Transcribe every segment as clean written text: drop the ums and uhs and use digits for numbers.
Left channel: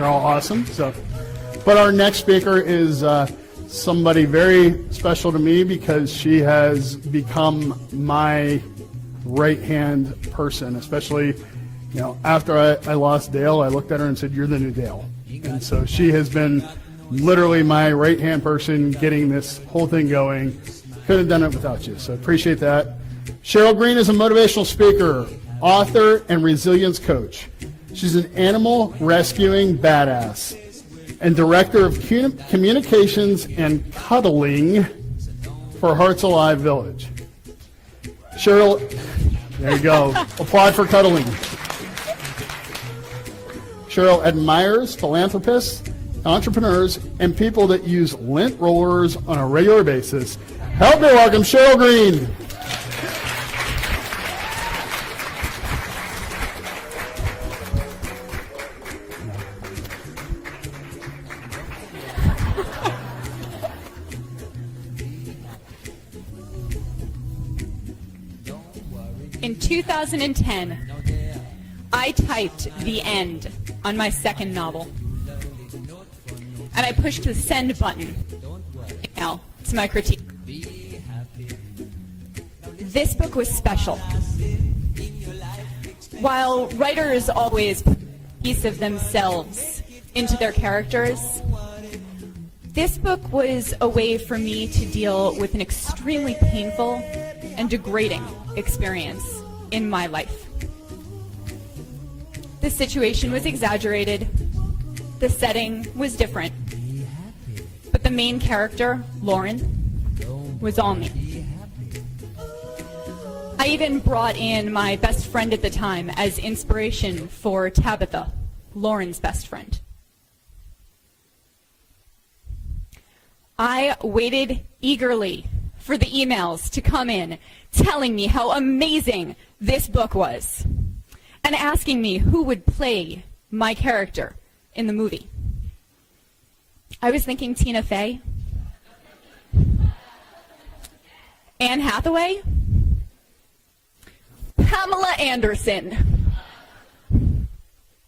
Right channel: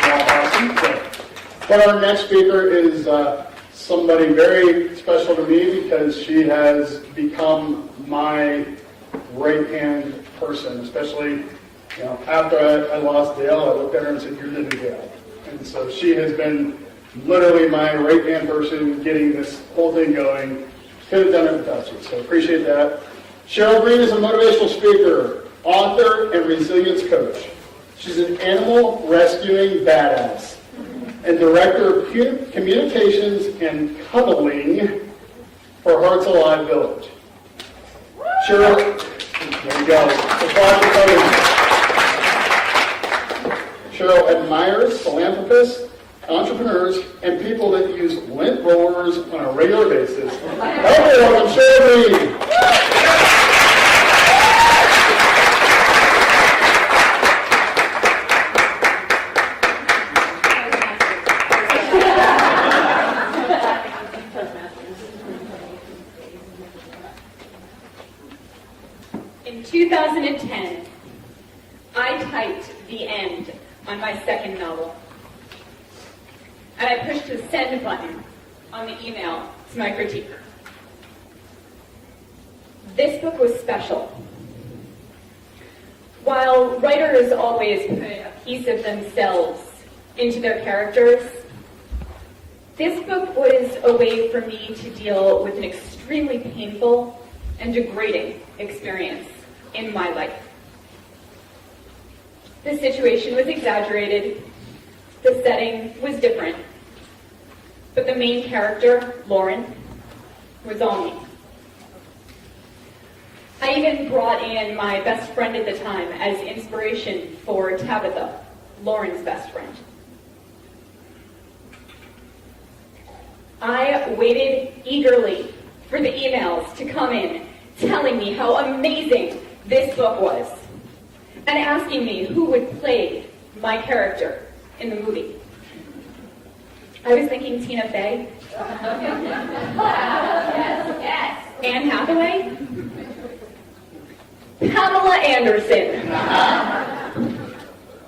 You're all awesome. But our next speaker is somebody very special to me because she has become my right-hand person, especially after I lost Dale. I looked at her and said, "You're the new Dale." And so she has been literally my right-hand person getting this whole thing going. Couldn't have done it without you, so appreciate that. Sheryl Green is a motivational speaker, author, and resilience coach. She's an animal rescuing badass and director of communications and cuddling for Hearts Alive Village. Sheryl, there you go. Apply for cuddling. Sheryl admires philanthropists, entrepreneurs, and people that use lint rollers on a regular basis. Help me welcome Sheryl Green. In 2010, I typed the end on my second novel. And I pushed the send button on the email to my critique. This book was special. While writers always put a piece of themselves into their characters, this book was a way for me to deal with an extremely painful and degrading experience in my life. The situation was exaggerated. The setting was different. But the main character, Lauren, was all me. I even brought in my best friend at the time as inspiration for Tabitha, Lauren's best friend. I waited eagerly for the emails to come in telling me how amazing this book was and asking me who would play my character in the movie. I was thinking Tina Fey, Anne Hathaway, Pamela Anderson.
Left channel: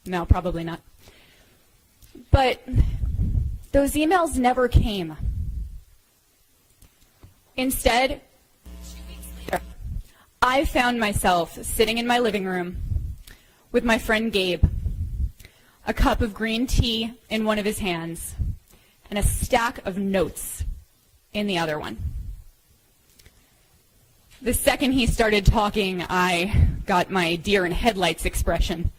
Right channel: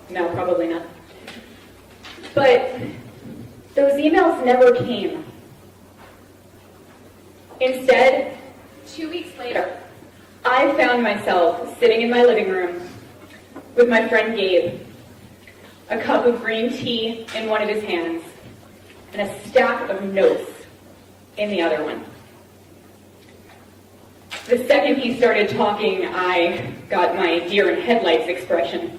No, probably not. But those emails never came. Instead, 2 weeks later, I found myself sitting in my living room with my friend Gabe, a cup of green tea in one of his hands, and a stack of notes in the other one. The second he started talking, I got my deer in headlights expression.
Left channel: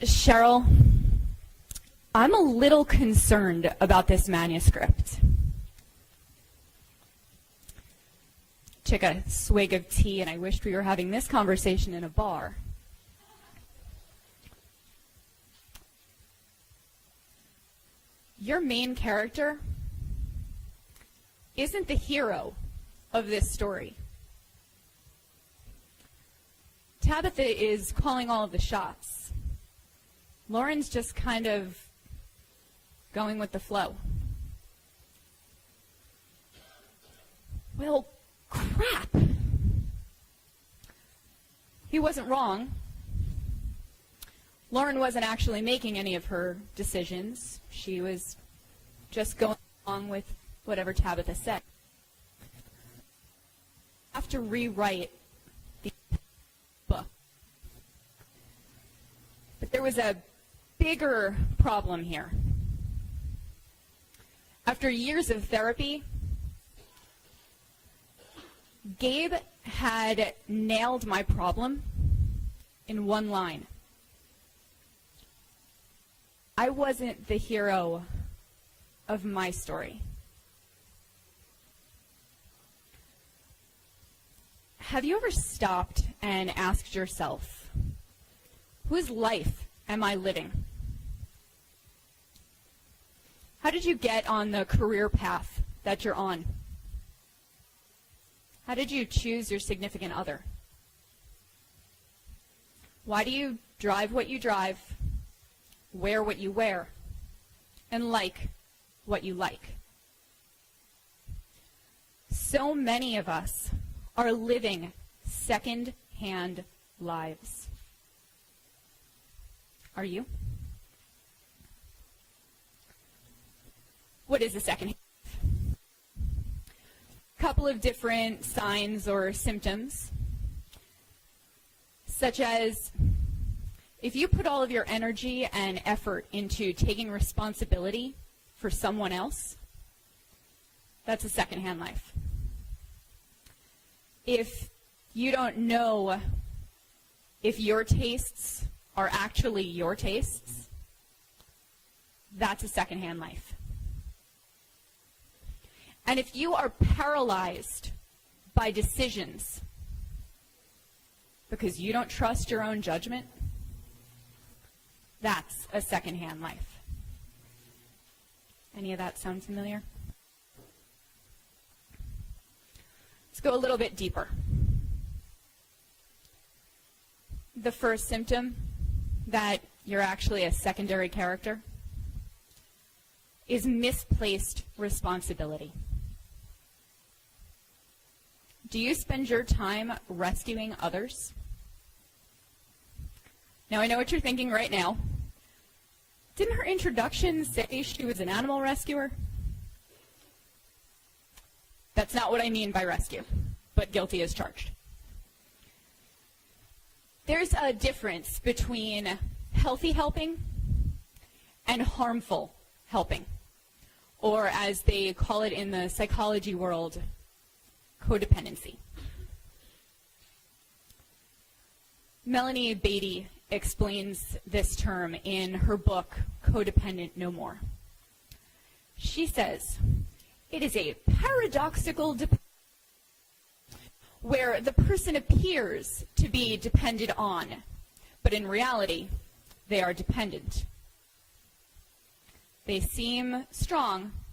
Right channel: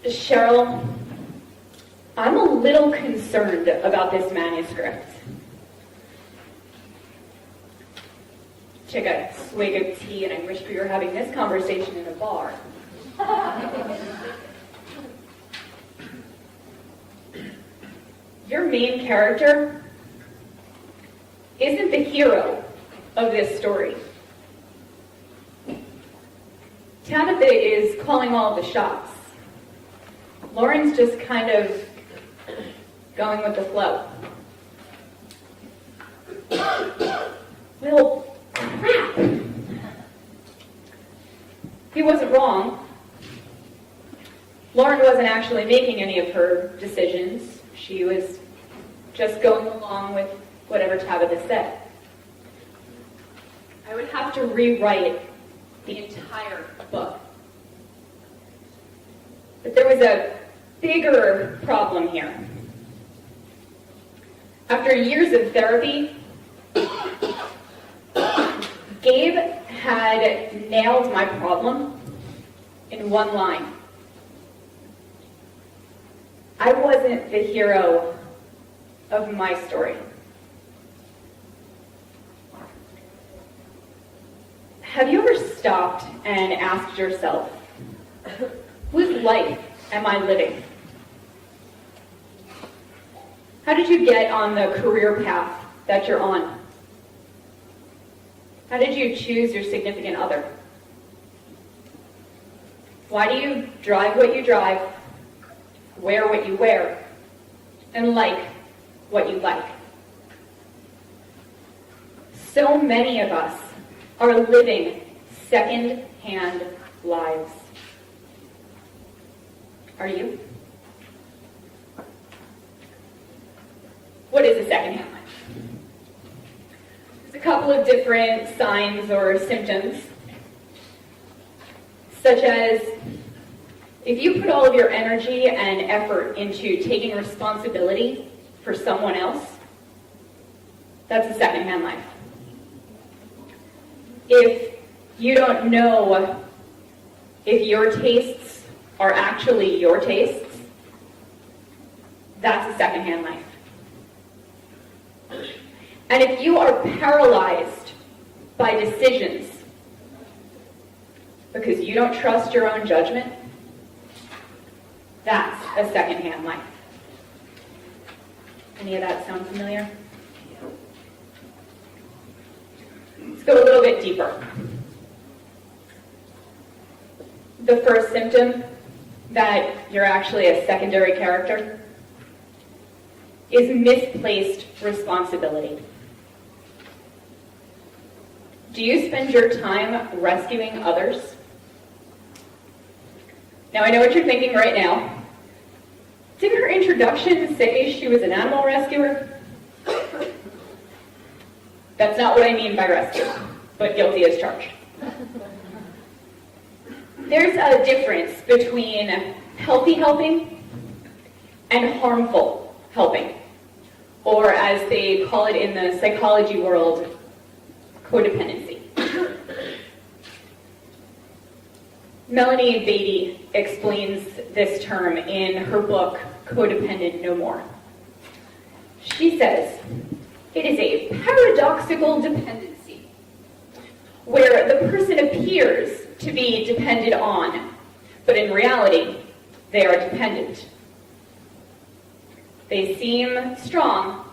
Sheryl, I'm a little concerned about this manuscript. Took a swig of tea, and I wish we were having this conversation in a bar. Your main character isn't the hero of this story. Tabitha is calling all the shots. Lauren's just kind of going with the flow. Well, crap. He wasn't wrong. Lauren wasn't actually making any of her decisions. She was just going along with whatever Tabitha said. I would have to rewrite the entire book. But there was a bigger problem here. After years of therapy, Gabe had nailed my problem in one line. I wasn't the hero of my story. Have you ever stopped and asked yourself, whose life am I living? How did you get on the career path that you're on? How did you choose your significant other? Why do you drive what you drive, wear what you wear, and like what you like? So many of us are living second-hand lives. Are you? What is a secondhand life? There's a couple of different signs or symptoms, such as if you put all of your energy and effort into taking responsibility for someone else, that's a secondhand life. If you don't know if your tastes are actually your tastes, that's a secondhand life. And if you are paralyzed by decisions because you don't trust your own judgment, that's a secondhand life. Any of that sound familiar? Let's go a little bit deeper. The first symptom that you're actually a secondary character is misplaced responsibility. Do you spend your time rescuing others? Now, I know what you're thinking right now. Did her introduction say she was an animal rescuer? That's not what I mean by rescue, but guilty as charged. There's a difference between healthy helping and harmful helping, or as they call it in the psychology world, codependency. Melanie Beatty explains this term in her book, Codependent No More. She says, it is a paradoxical dependency, where the person appears to be depended on, but in reality, they are dependent. They seem strong,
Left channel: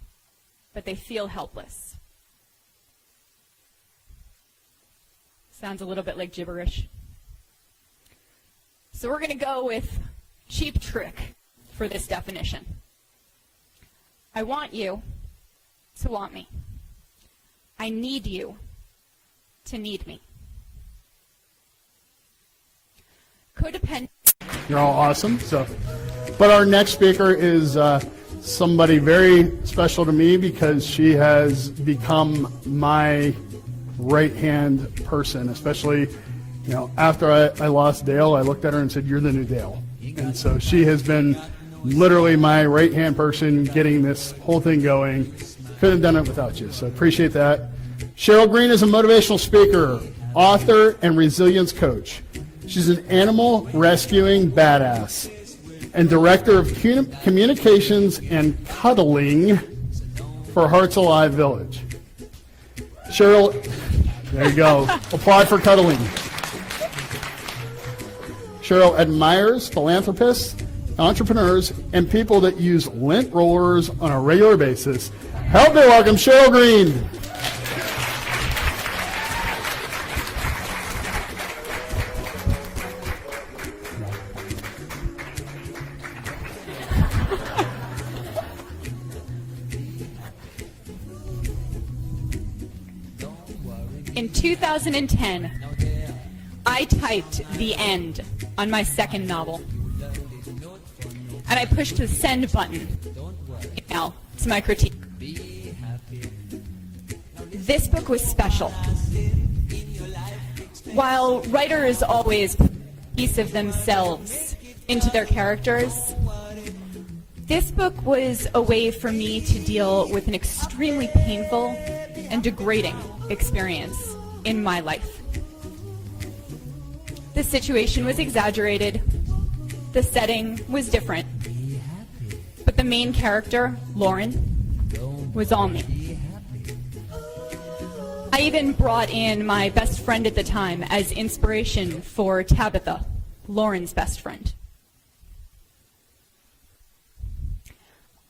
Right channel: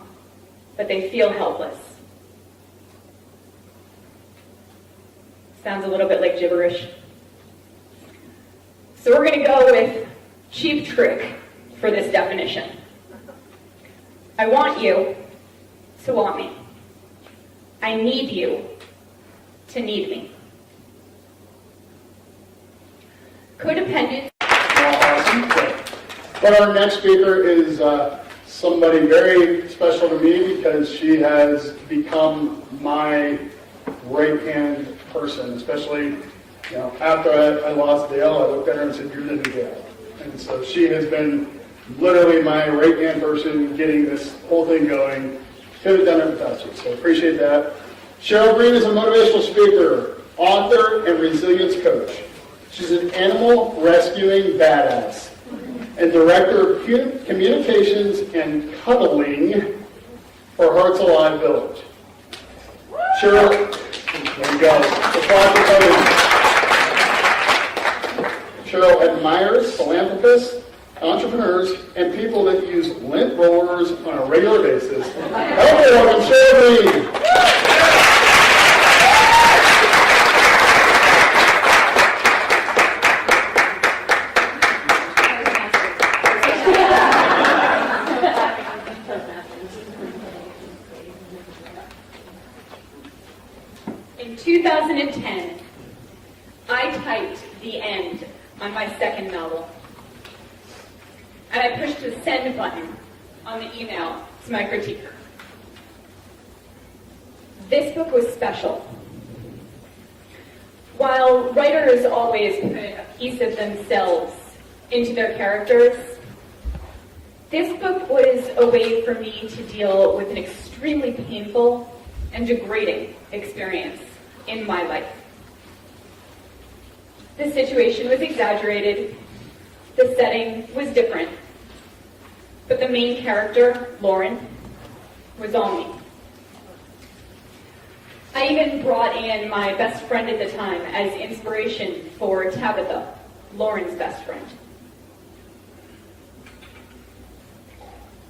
but they feel helpless. Sounds a little bit like gibberish. So we're going to go with Cheap Trick for this definition. I want you to want me. I need you to need me. Codependent. Well, awesome. But our next speaker is somebody very special to me because she has become my right-hand person, especially after I lost Dale. I looked at her and said, "You're the new Dale." And so she has been literally my right-hand person getting this whole thing going. Couldn't have done it without you, so appreciate that. Sheryl Green is a motivational speaker, author, and resilience coach. She's an animal rescuing badass and director of communications and cuddling for Hearts Alive Village. Sheryl, there you go. Apply for cuddling. Sheryl admires philanthropists, entrepreneurs, and people that use lint rollers on a regular basis. Help me welcome Sheryl Green. In 2010, I typed the end on my second novel. And I pushed the send button on the email to my critiquer. This book was special. While writers always put a piece of themselves into their characters, this book was a way for me to deal with an extremely painful and degrading experience in my life. The situation was exaggerated. The setting was different. But the main character, Lauren, was all me. I even brought in my best friend at the time as inspiration for Tabitha, Lauren's best friend.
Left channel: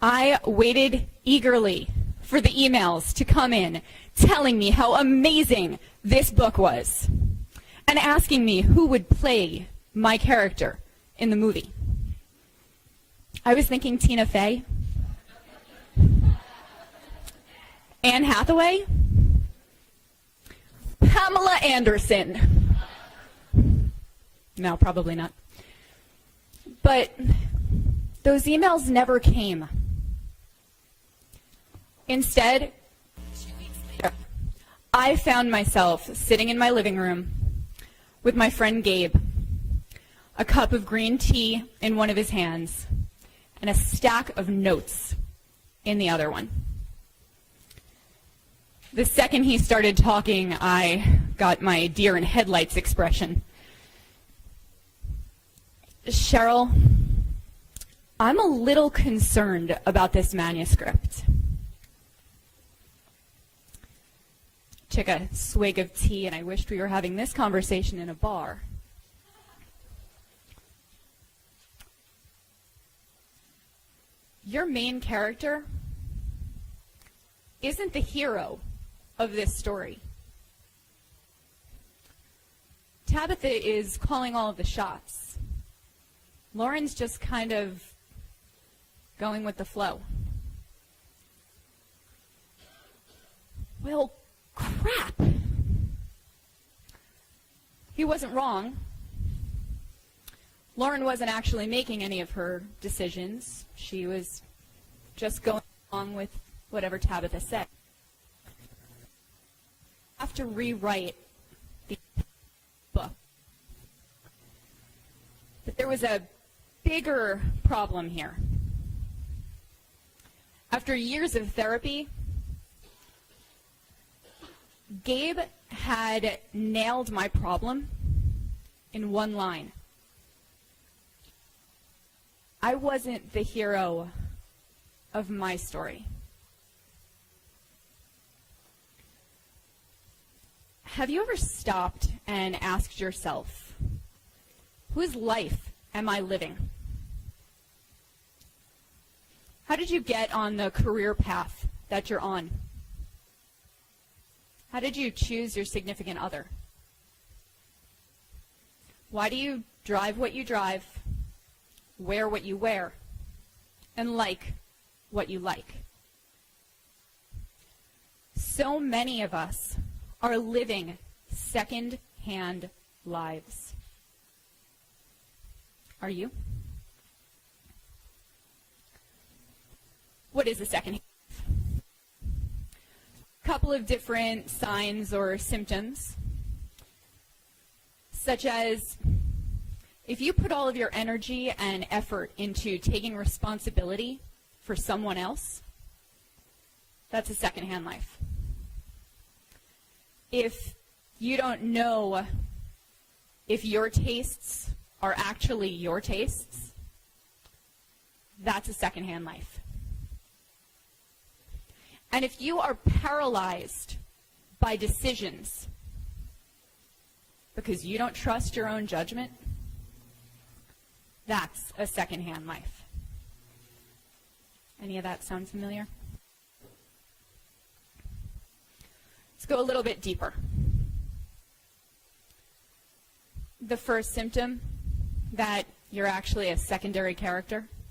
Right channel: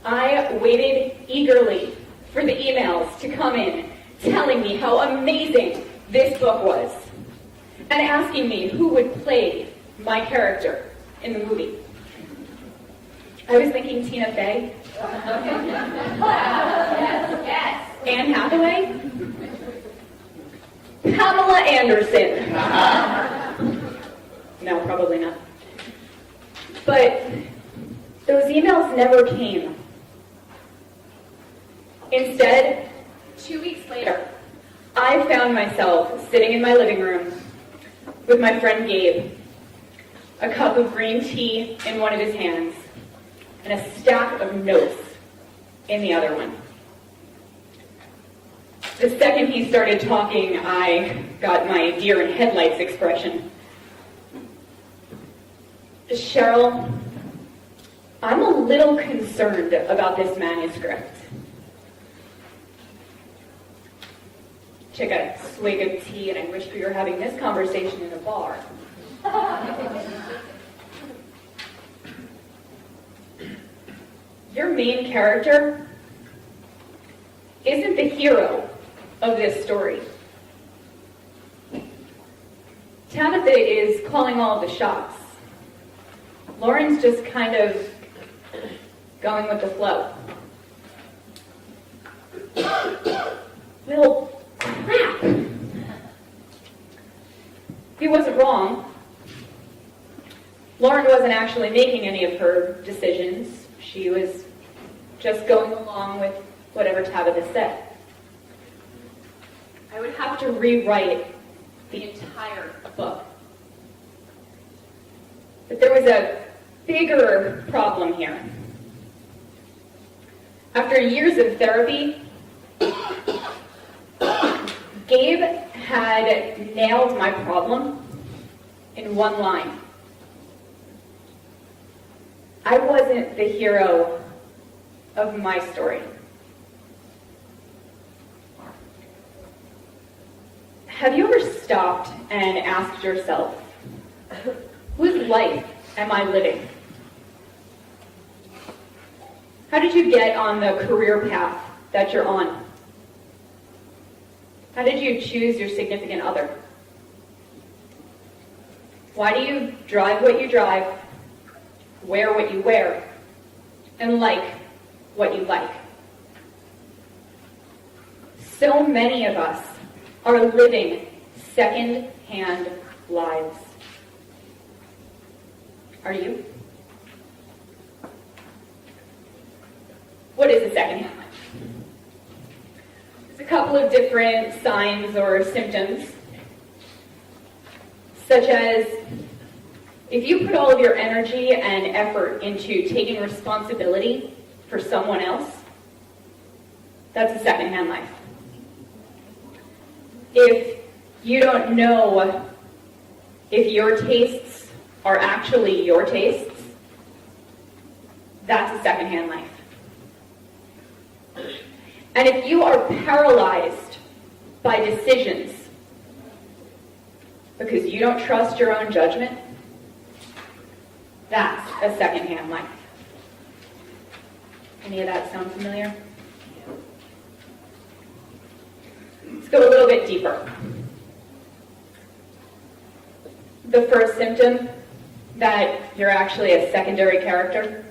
I waited eagerly for the emails to come in telling me how amazing this book was and asking me who would play my character in the movie. I was thinking Tina Fey, Anne Hathaway, Pamela Anderson. No, probably not. But those emails never came. Instead, 2 weeks later, I found myself sitting in my living room with my friend Gabe, a cup of green tea in one of his hands, and a stack of notes in the other one. The second he started talking, I got my deer in headlights expression. Sheryl, I'm a little concerned about this manuscript. Took a swig of tea, and I wished we were having this conversation in a bar. Your main character isn't the hero of this story. Tabitha is calling all the shots. Lauren's just kind of going with the flow. Well, crap. He wasn't wrong. Lauren wasn't actually making any of her decisions. She was just going along with whatever Tabitha said. I would have to rewrite the entire book. But there was a bigger problem here. After years of therapy, Gabe had nailed my problem in one line. I wasn't the hero of my story. Have you ever stopped and asked yourself, whose life am I living? How did you get on the career path that you're on? How did you choose your significant other? Why do you drive what you drive, wear what you wear, and like what you like? So many of us are living second-hand lives. Are you? What is a second-hand life? There's a couple of different signs or symptoms, such as if you put all of your energy and effort into taking responsibility for someone else, that's a second-hand life. If you don't know if your tastes are actually your tastes, that's a second-hand life. And if you are paralyzed by decisions because you don't trust your own judgment, that's a second-hand life. Any of that sound familiar? Let's go a little bit deeper. The first symptom that you're actually a secondary character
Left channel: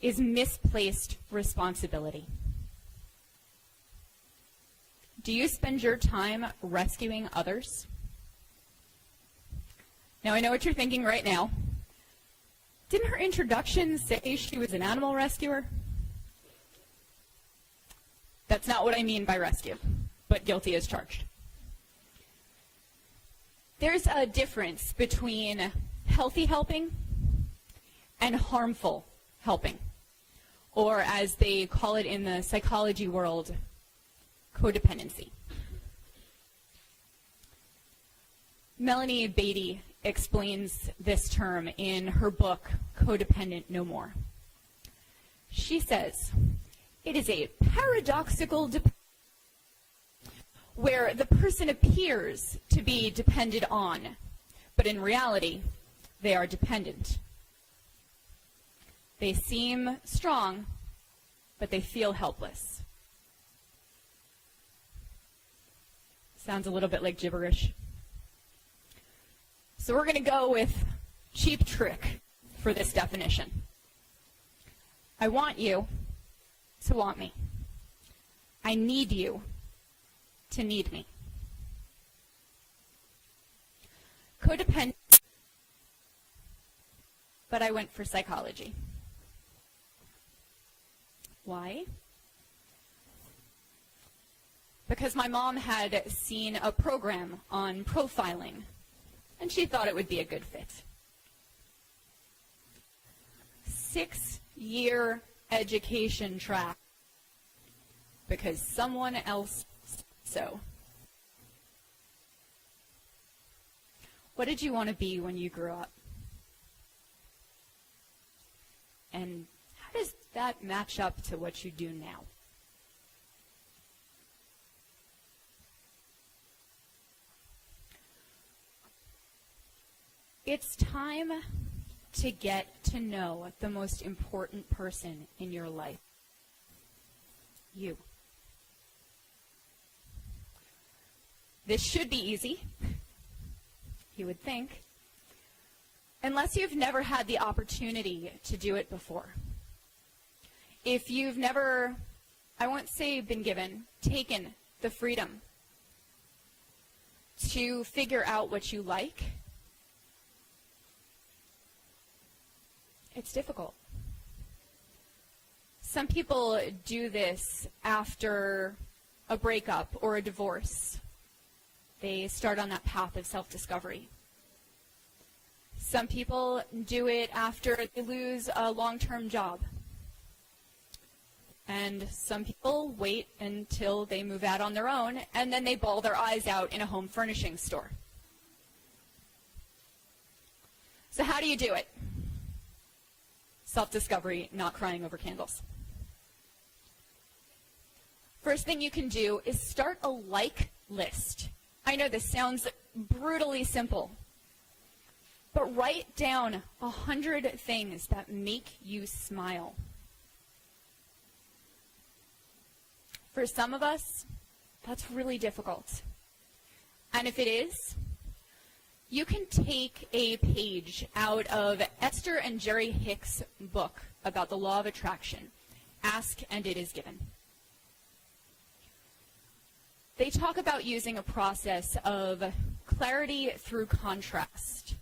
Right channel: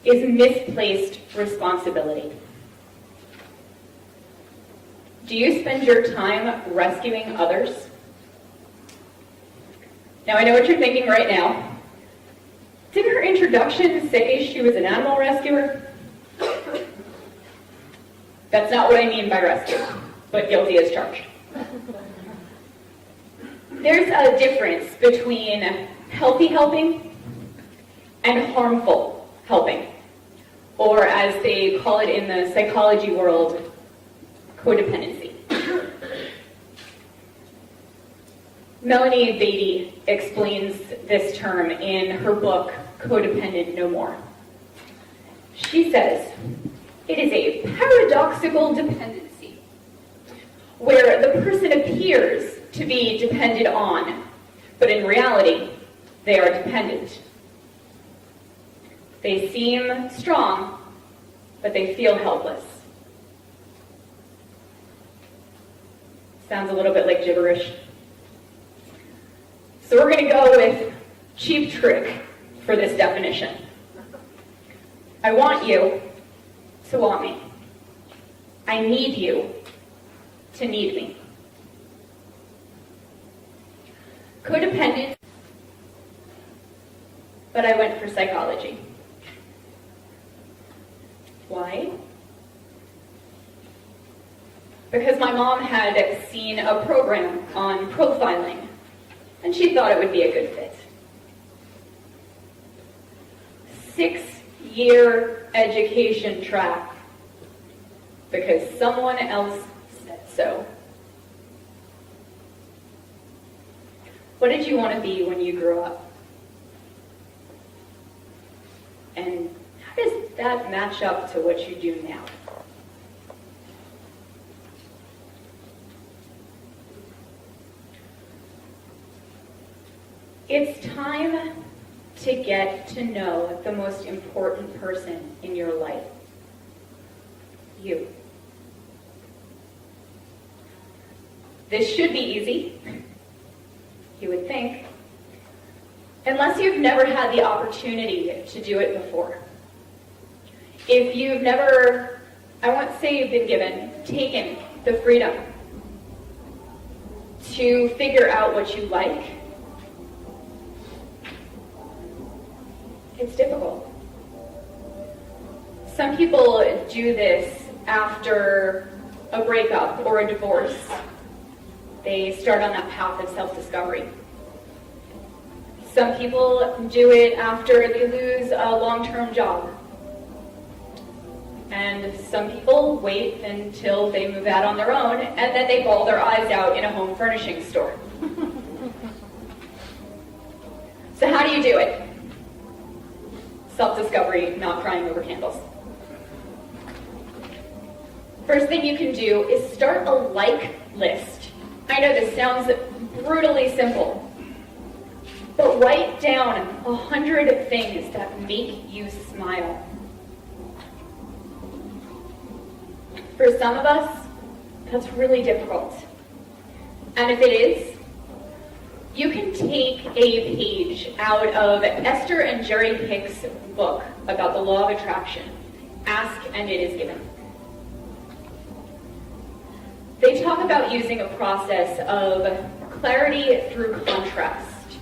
is misplaced responsibility. Do you spend your time rescuing others? Now, I know what you're thinking right now. Didn't her introduction say she was an animal rescuer? That's not what I mean by rescue, but guilty as charged. There's a difference between healthy helping and harmful helping, or as they call it in the psychology world, codependency. Melanie Beatty explains this term in her book, Codependent No More. She says, it is a paradoxical dependency, where the person appears to be depended on, but in reality, they are dependent. They seem strong, but they feel helpless. Sounds a little bit like gibberish. So we're going to go with cheap trick for this definition. I want you to want me. I need you to need me. but I went for psychology. Why? Because my mom had seen a program on profiling, and she thought it would be a good fit. 6-year education track, because someone else said so. What did you want to be when you grew up? And how does that match up to what you do now? It's time to get to know the most important person in your life. You. This should be easy, you would think, unless you've never had the opportunity to do it before. If you've never, I won't say been given, taken the freedom to figure out what you like, it's difficult. Some people do this after a breakup or a divorce. They start on that path of self-discovery. Some people do it after they lose a long-term job. And some people wait until they move out on their own, and then they bawl their eyes out in a home furnishing store. So how do you do it? Self-discovery, not crying over candles. First thing you can do is start a like list. I know this sounds brutally simple, but write down 100 things that make you smile. For some of us, that's really difficult. And if it is, you can take a page out of Esther and Jerry Hicks' book about the law of attraction, Ask and It Is Given. They talk about using a process of clarity through contrast.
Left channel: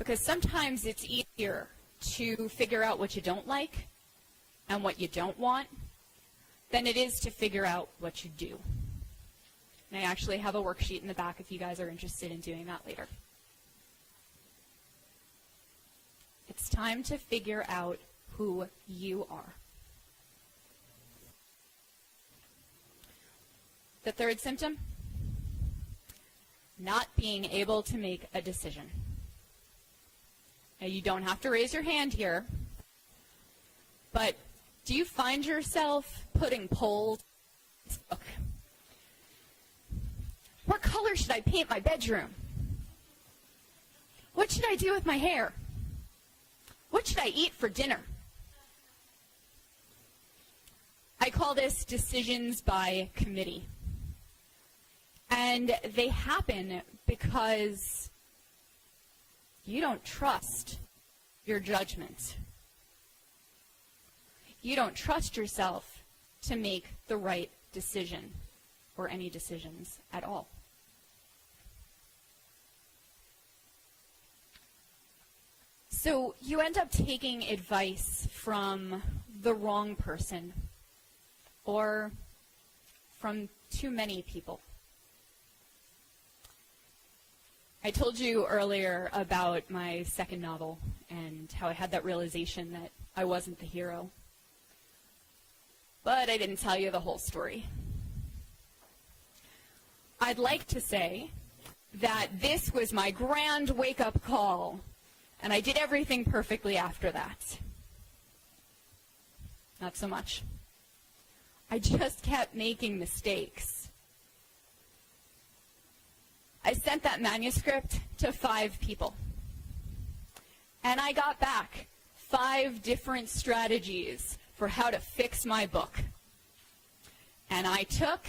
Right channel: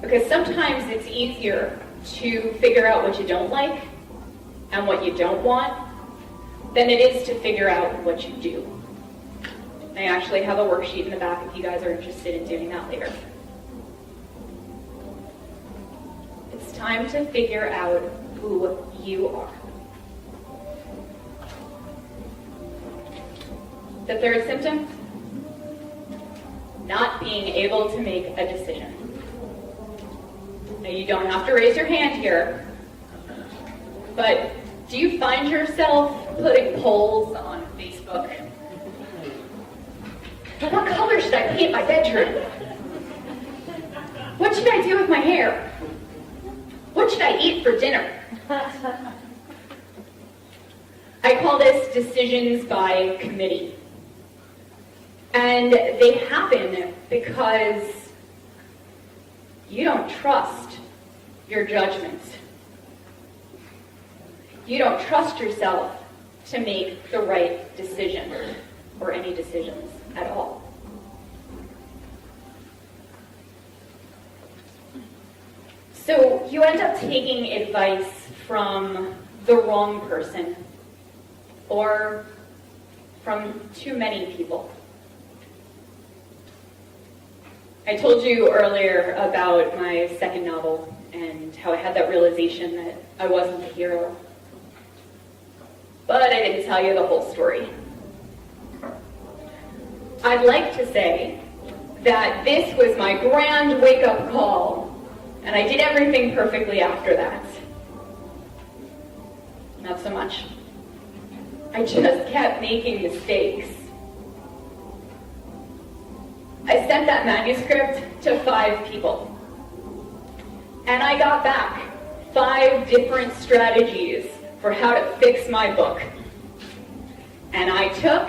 Because sometimes it's easier to figure out what you don't like and what you don't want than it is to figure out what you do. I actually have a worksheet in the back if you guys are interested in doing that later. It's time to figure out who you are. The third symptom, not being able to make a decision. Now, you don't have to raise your hand here, but do you find yourself putting polls on Facebook? What color should I paint my bedroom? What should I do with my hair? What should I eat for dinner? I call this decisions by committee. And they happen because you don't trust your judgment. You don't trust yourself to make the right decision, or any decisions at all. So you end up taking advice from the wrong person, or from too many people. I told you earlier about my second novel and how I had that realization that I wasn't the hero. But I didn't tell you the whole story. I'd like to say that this was my grand wake-up call, and I did everything perfectly after that. Not so much. I just kept making mistakes. I sent that manuscript to 5 people. And I got back 5 different strategies for how to fix my book. And I took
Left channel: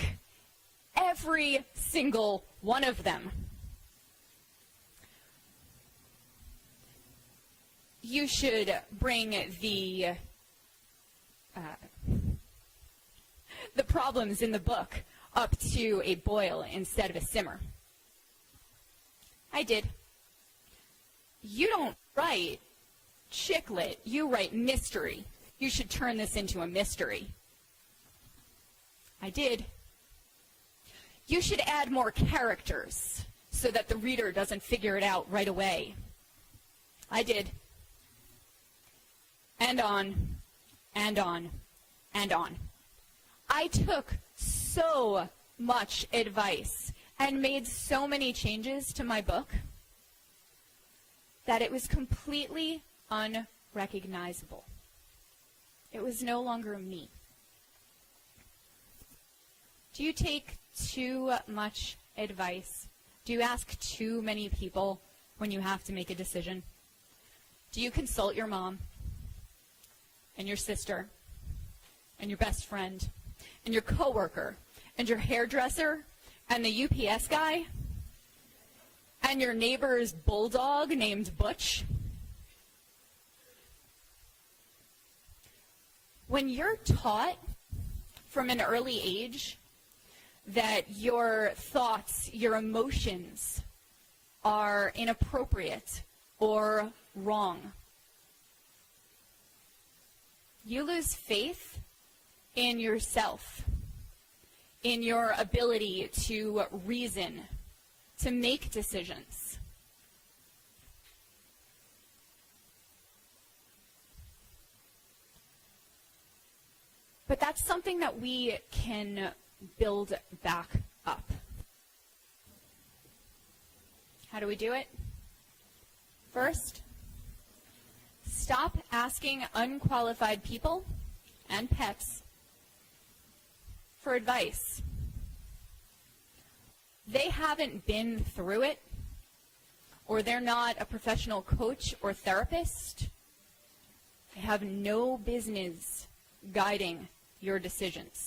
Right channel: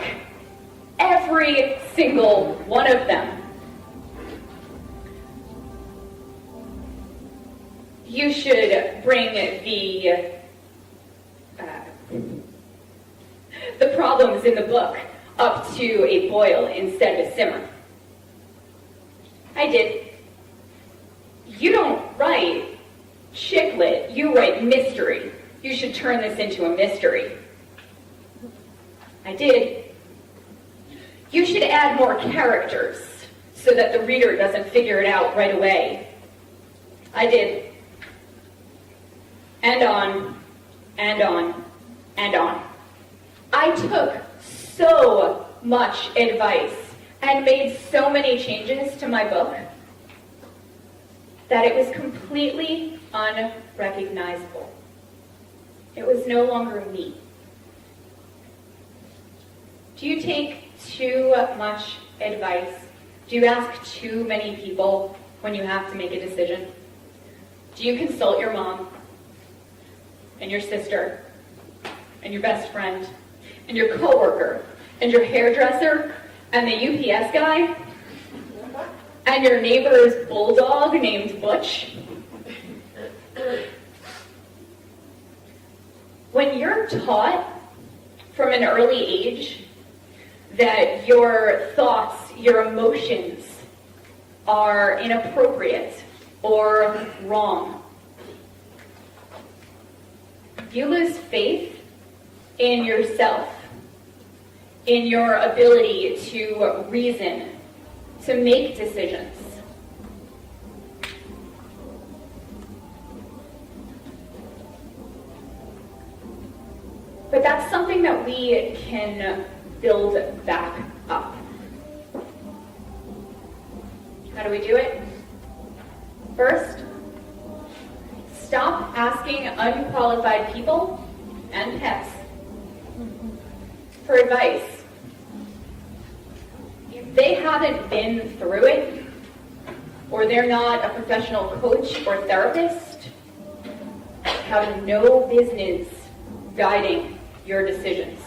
every single one of them. You should bring the problems in the book up to a boil instead of a simmer. I did. You don't write mystery. You should turn this into a mystery. I did. You should add more characters so that the reader doesn't figure it out right away. I did. And on, and on, and on. I took so much advice and made so many changes to my book that it was completely unrecognizable. It was no longer me. Do you take too much advice? Do you ask too many people when you have to make a decision? Do you consult your mom and your sister and your best friend and your coworker and your hairdresser and the UPS guy and your neighbor's bulldog named Butch? When you're taught from an early age that your thoughts, your emotions are inappropriate or wrong, you lose faith in yourself, in your ability to reason, to make decisions. But that's something that we can build back up. How do we do it? First, stop asking unqualified people and pets for advice. If they haven't been through it, or they're not a professional coach or therapist, they have no business guiding your decisions.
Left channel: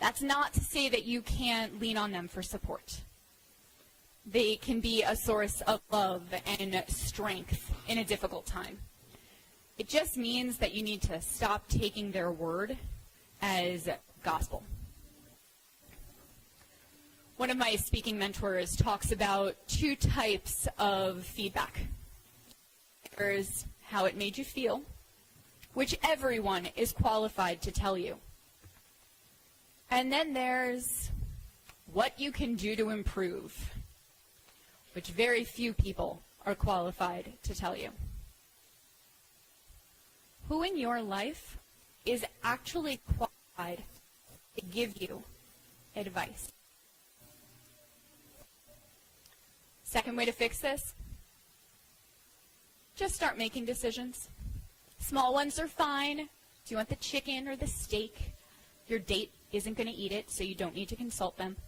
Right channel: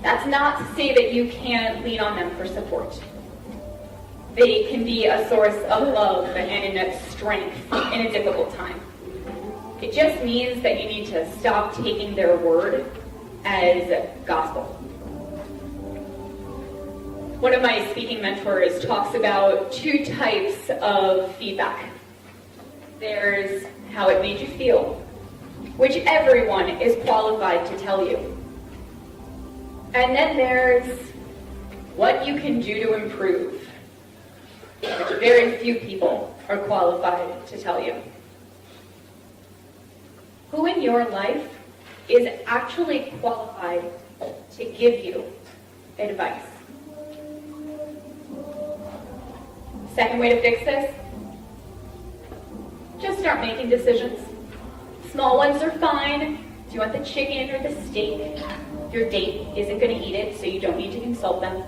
That's not to say that you can't lean on them for support. They can be a source of love and strength in a difficult time. It just means that you need to stop taking their word as gospel. One of my speaking mentors talks about two types of feedback. There's how it made you feel, which everyone is qualified to tell you. And then there's what you can do to improve, which very few people are qualified to tell you. Who in your life is actually qualified to give you advice? Second way to fix this, just start making decisions. Small ones are fine. Do you want the chicken or the steak? Your date isn't going to eat it, so you don't need to consult them.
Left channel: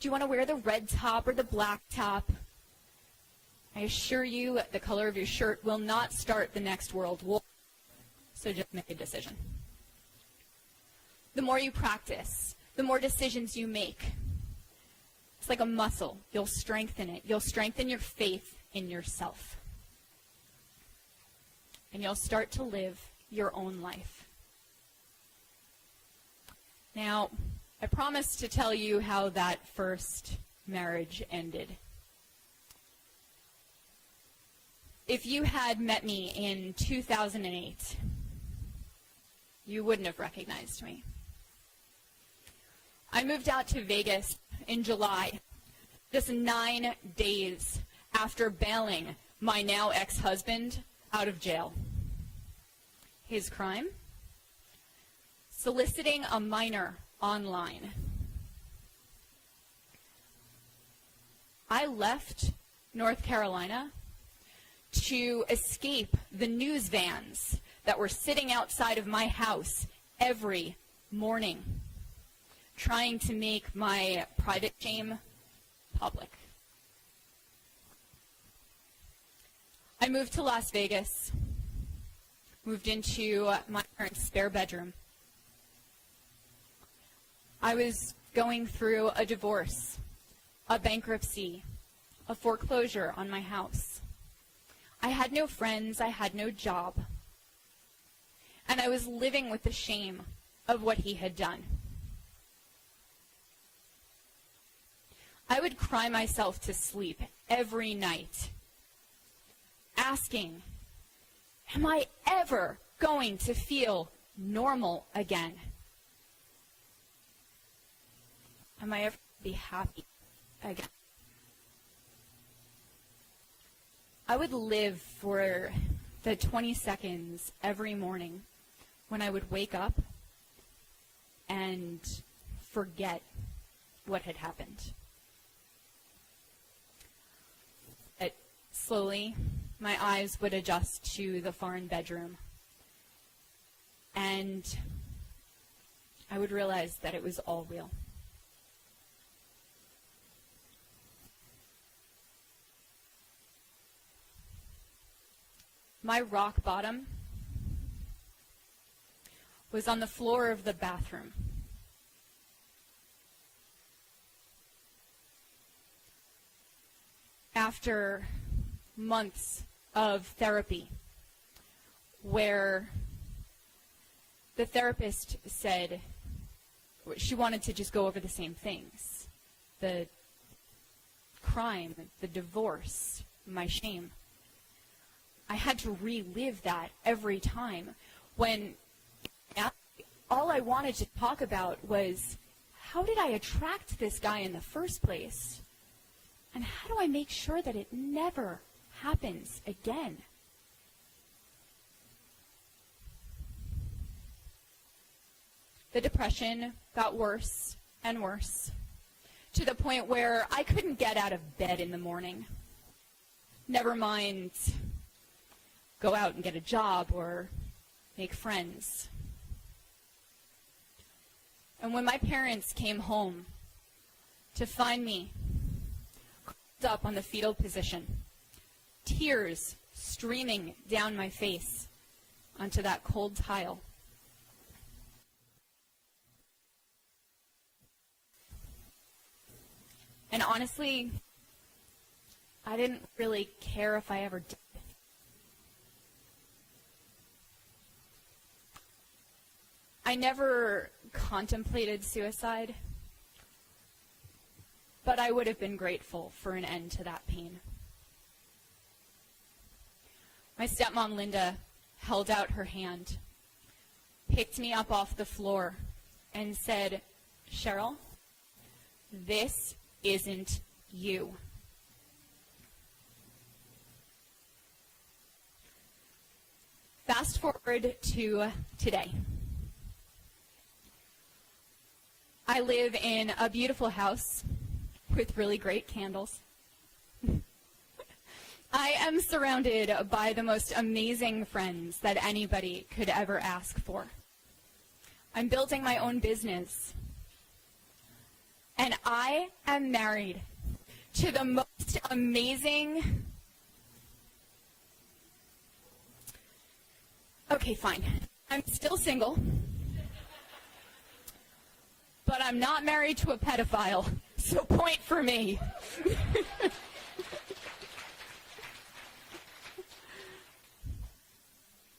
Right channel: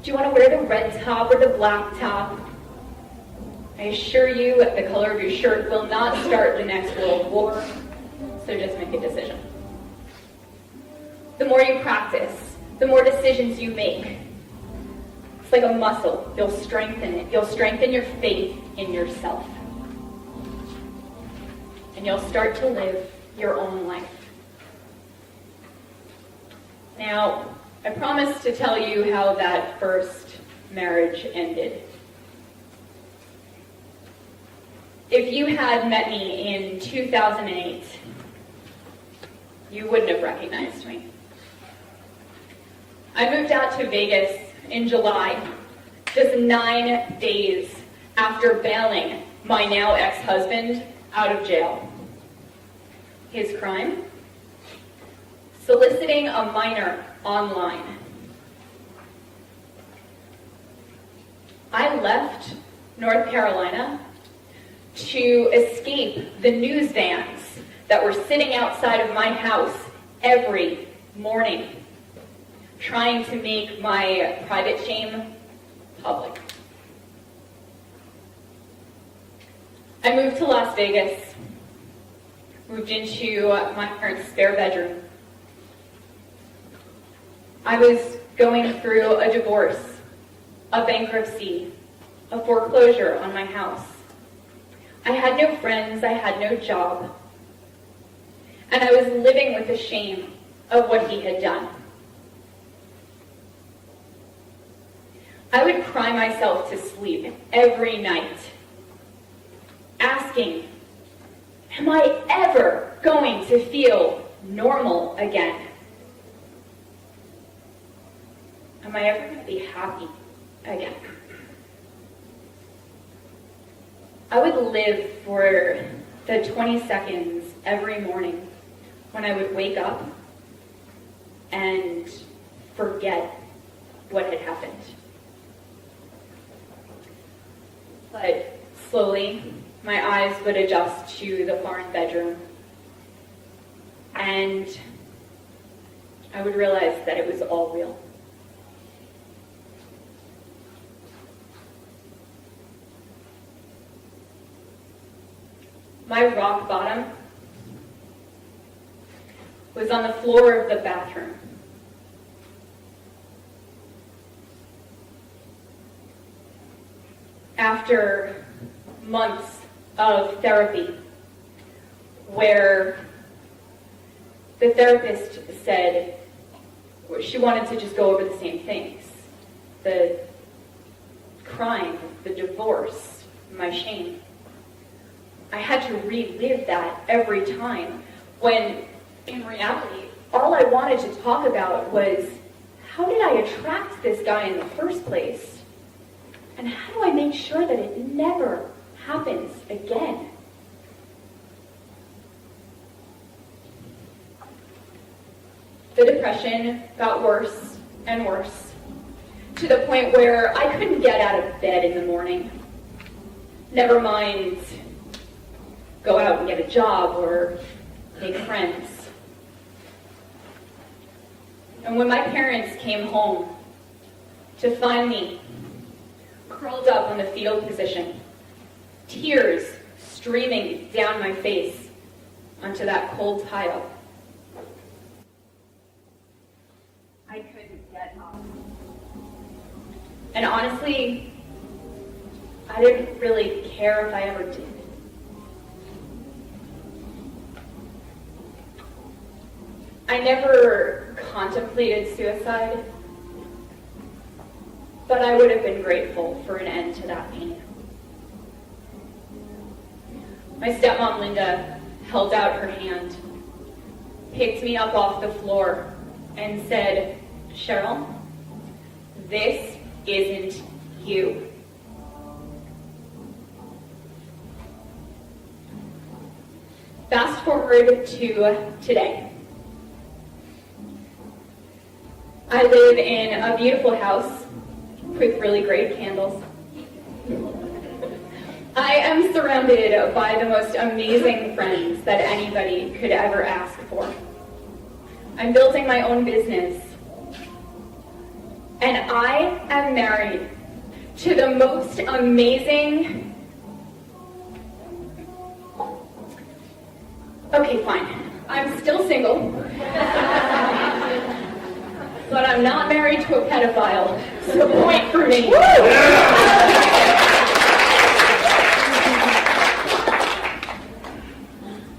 Do you want to wear the red top or the black top? I assure you the color of your shirt will not start the next World War, so just make a decision. The more you practice, the more decisions you make. It's like a muscle. You'll strengthen it. You'll strengthen your faith in yourself. And you'll start to live your own life. Now, I promised to tell you how that first marriage ended. If you had met me in 2008, you wouldn't have recognized me. I moved out to Vegas in July, just 9 days after bailing my now ex-husband out of jail. His crime? Soliciting a minor online. I left North Carolina to escape the news vans that were sitting outside of my house every morning, trying to make my private shame public. I moved to Las Vegas, moved into my parents' spare bedroom. I was going through a divorce, a bankruptcy, a foreclosure on my house. I had no friends, I had no job, and I was living with the shame of what he had done. I would cry myself to sleep every night, asking, am I ever going to feel normal again? Am I ever going to be happy again? I would live for the 20 seconds every morning when I would wake up and forget what had happened. But slowly, my eyes would adjust to the foreign bedroom, and I would realize that it was all real. My rock bottom was on the floor of the bathroom. After months of therapy, where the therapist said she wanted to just go over the same things. The crime, the divorce, my shame. I had to relive that every time, when in reality, all I wanted to talk about was, how did I attract this guy in the first place? And how do I make sure that it never happens again? The depression got worse and worse, to the point where I couldn't get out of bed in the morning. Never mind go out and get a job or make friends. And when my parents came home to find me curled up on the fetal position, tears streaming down my face onto that cold tile, I couldn't get up. And honestly, I didn't really care if I ever did. I never contemplated suicide, but I would have been grateful for an end to that pain. My stepmom, Linda, held out her hand, picked me up off the floor, and said, "Sheryl, this isn't you." Fast forward to today. I live in a beautiful house with really great candles. I am surrounded by the most amazing friends that anybody could ever ask for. I'm building my own business. And I am married to the most amazing... Okay, fine. I'm still single. But I'm not married to a pedophile, so point for me.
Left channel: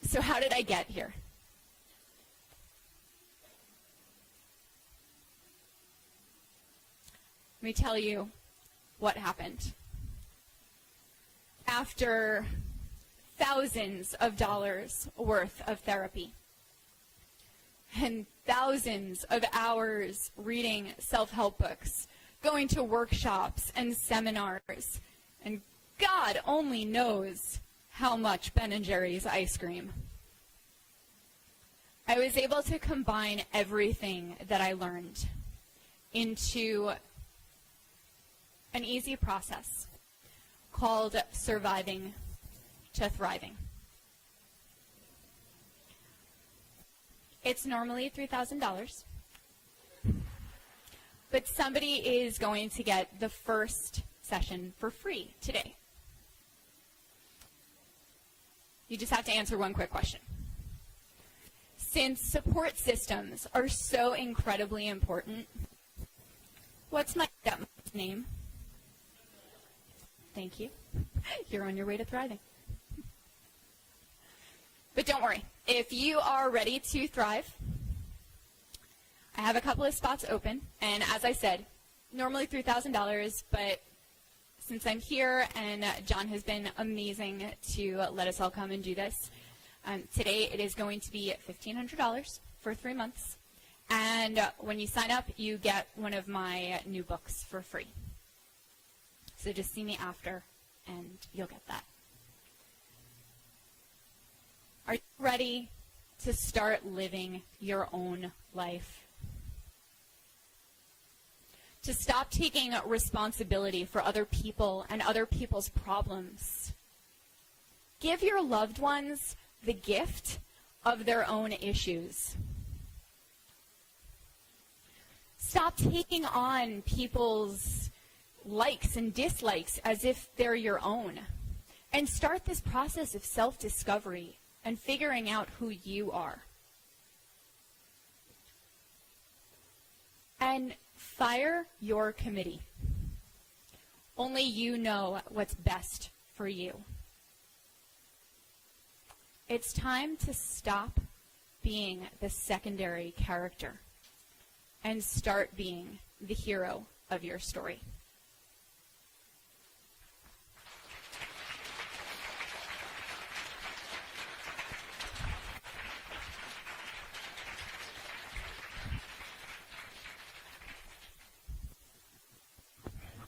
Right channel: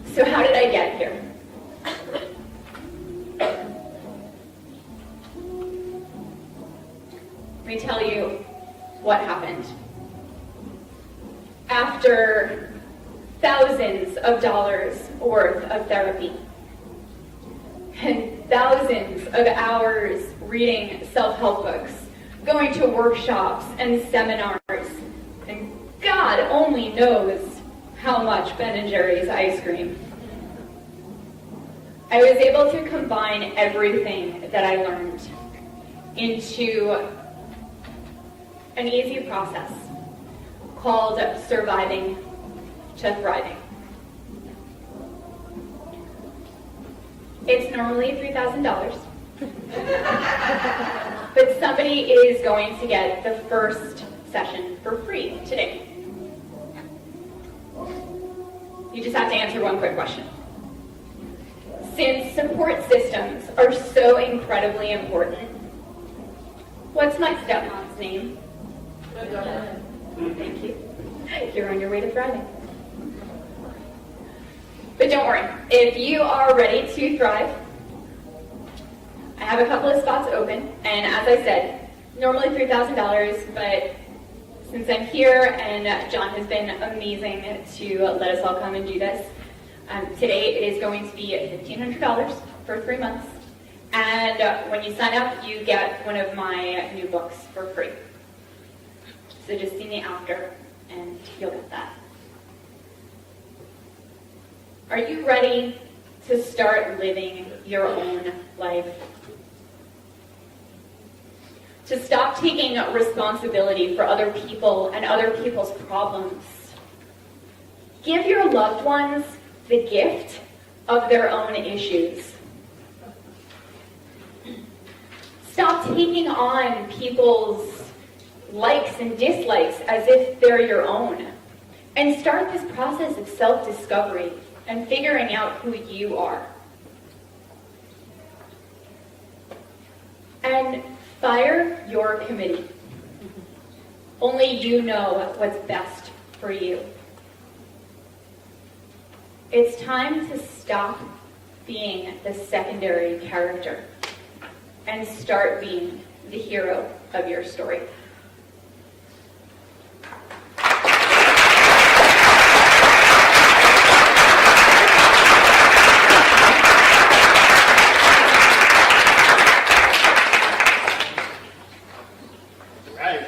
So how did I get here? Let me tell you what happened. After thousands of dollars worth of therapy, and thousands of hours reading self-help books, going to workshops and seminars, and God only knows how much Ben & Jerry's ice cream, I was able to combine everything that I learned into an easy process called surviving to thriving. It's normally $3,000, but somebody is going to get the first session for free today. You just have to answer one quick question. Since support systems are so incredibly important, what's my stepmom's name? Thank you. You're on your way to thriving. But don't worry, if you are ready to thrive, I have a couple of spots open, and as I said, normally $3,000, but since I'm here, and John has been amazing to let us all come and do this, today it is going to be $1,500 for 3 months. And when you sign up, you get one of my new books for free. So just see me after, and you'll get that. Are you ready to start living your own life? To stop taking responsibility for other people and other people's problems. Give your loved ones the gift of their own issues. Stop taking on people's likes and dislikes as if they're your own. And start this process of self-discovery and figuring out who you are. And fire your committee. Only you know what's best for you. It's time to stop being the secondary character and start being the hero of your story.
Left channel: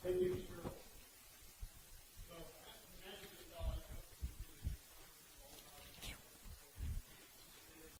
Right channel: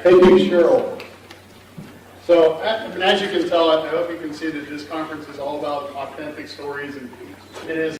Thank you, Sheryl. So, as you can tell, I hope you can see that this conference is all about authentic stories, and it is